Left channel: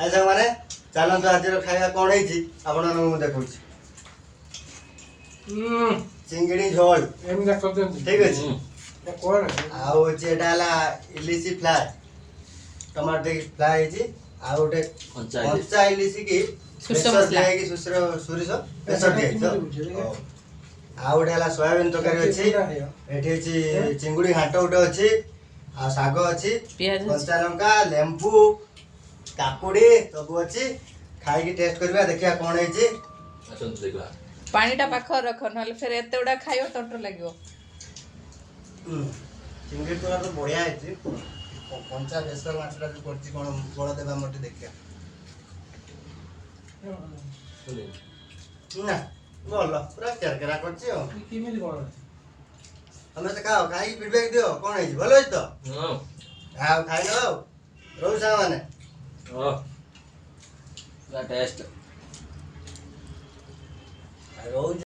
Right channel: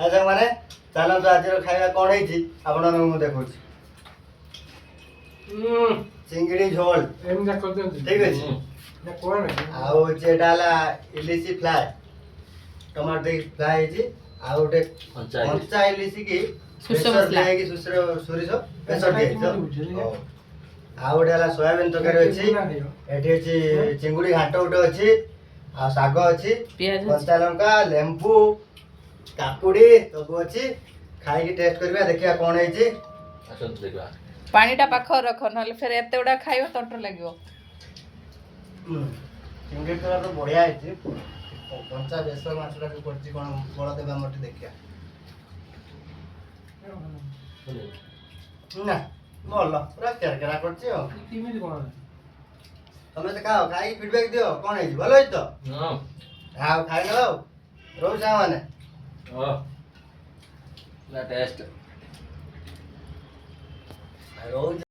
ଆଚ୍ଛା ମାନେ ଚାଲନ୍ତୁ ଆଜିର ଖାଇବା କ'ଣ ହେଇଛି ଆପଣମାନଙ୍କୁ ମୁଁ ଦେଖଉଛି। ଚିଙ୍ଗିଡ଼ି ଝୋଳ ଠିକ ଅଛି। ଆଉ ହଉଛି ଏଇଟା ହେଲା ଇଲିଶି ଫ୍ରାଏ, ଟମାଟୋ ଦେଇକି ଫ୍ରାଏ ହେଇଛି। ଆଉ ଗୋଟେ କଞ୍ଚା ଇଲିଶି କି ବେସର ଦିଆହେଇକି ସୋରିଷ ବେସର ଦିଆହେଇଛି। ଆଉ ଗୋଟେ ହେଲା ସୋୟାବିନ ତରକାରୀ ଅଛି। ଏଠି ଅଛି ଚିଙ୍ଗୁଡ଼ି ଘାଣ୍ଟ ଗୋଟେ ଅଛି। ଆଉ ଶାଗ ଅଛି, କଞ୍ଚା ଲଙ୍କା, ଲେମ୍ବୁ, କାକୁଡ଼ି ସବୁ ଅଛି। ଖାଇକି ଟେଷ୍ଟ କରିବା, ଦେଖିବା କ'ଣ ହେଇଛି। ପାଣିଟା ପାଖରେ ରଖ, ନହେଲେ ଫେର ଏତେ ଗୁଡା ଖାଇବ ତଣ୍ଟ ଲାଗିବ। ଚିଙ୍ଗୁଡ଼ି ତରକାରୀ ତ ବଢ଼ିଆ ହେଇଛି। କଞ୍ଚା ବେସର ମାଛଟା ଯୋଉ କରିଛି କ'ଣ ବଳ ଦେବା ମୋତେ ଦେଖିବା। ନା ଭଲ ପୁରା କେରକେରା କରିଛି। ଆଉ ସମସ୍ତେ ଖାଅ, ଖାଇକି ଫିଡବ୍ୟାକ୍ ଦିଅ କ'ଣ ହେଇଛି। ଭଲ ହେଇଛି ତ? ଆଉ ଖାଇନେବ। ଆଉ ରହୁଛି ସାଙ୍ଗମାନେ। ରହୁଛି।